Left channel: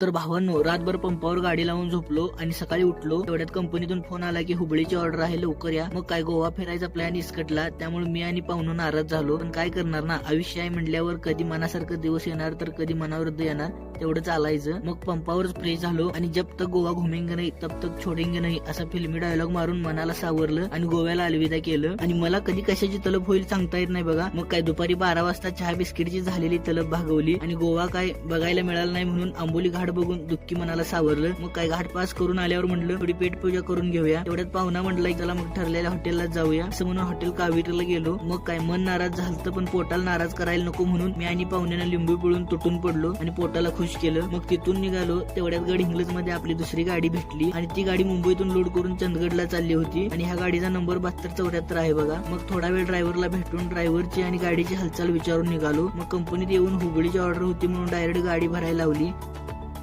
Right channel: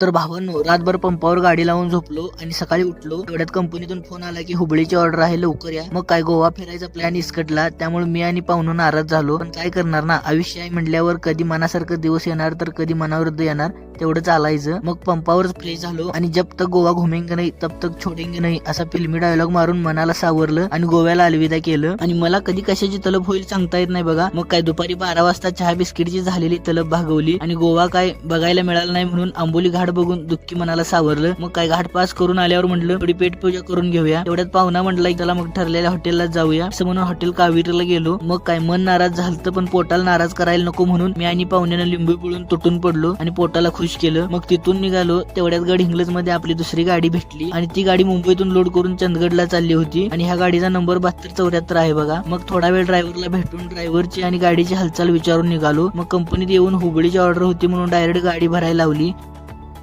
तर भावांनो, रातभर पंपावर गाडी लावून झोपलो आणि सकाळी उठलो तेवढ्यात कंपनीतून फोन आला की हुबळीची ऑर्डर आहे, लवकर या. मग काय गोवा फिरायचा प्लॅन इसकटला. त्यामुळे मी आणि पाहुणं नाराज झालो. पण काय करणार ना, आयुष्य आहे म्हटल्यावर कधी मनासारखं दिवस येणार तर कधी मनाविरुद्ध येणार, तेवढं चालायचं. मग पंपावर फ्रेश झालो आणि जब तक गोवा घुमेंगे नाही तब तक छोडेंगे नाही असा फिल्मी डायलॉग मारून मनाला सावरलं आणि गोव्याला अलविदा केलं. आणि मला कधी कशाची तलब होईल सांगता येत नाही बघा. मग काय दुपारी 12 वाजता चहा बिस्किटची झालेली तलब भागवली आणि गोवा काय बघायला मिळाला नाही म्हणून आंबोली घाट बघून दुःखी मनाला सावरलं. मग काय घाट पास करून आल्यावर म्हटलं थोडी पेट पूजा करून घेऊया. तेवढ्यात पाहुणा म्हटलं चला मग ठरलेल्या हॉटेलला जाऊया असं म्हणून हॉटेल कावेरीला गेलो. मग काय मन नाराज झालं पण पोटाला नाराज करायला नको म्हणून मी आणि पाहुण्यानं लिंबू पिळून तुटून पडलो आणि पोटाला खुश केलं. मग तिथून निघालो. तेवढ्यात गडहिंग्लज मध्ये आपली दुसरी गाडी भेटली आणि ती गाडी मुंबईतून लोड करून चंदगडला चालली होती आणि ह्या गाडीचा नंबर 7274 आहे बघा. मग थोडा वेळ ड्रायव्हरला भेटून ड्रायव्हरची आणि गाडीची हालचाल विचारून निघालो. मग कंपनीत येऊन हुबळीची ऑर्डर होती म्हणून डायरेक्ट गाडी भरायला लावली.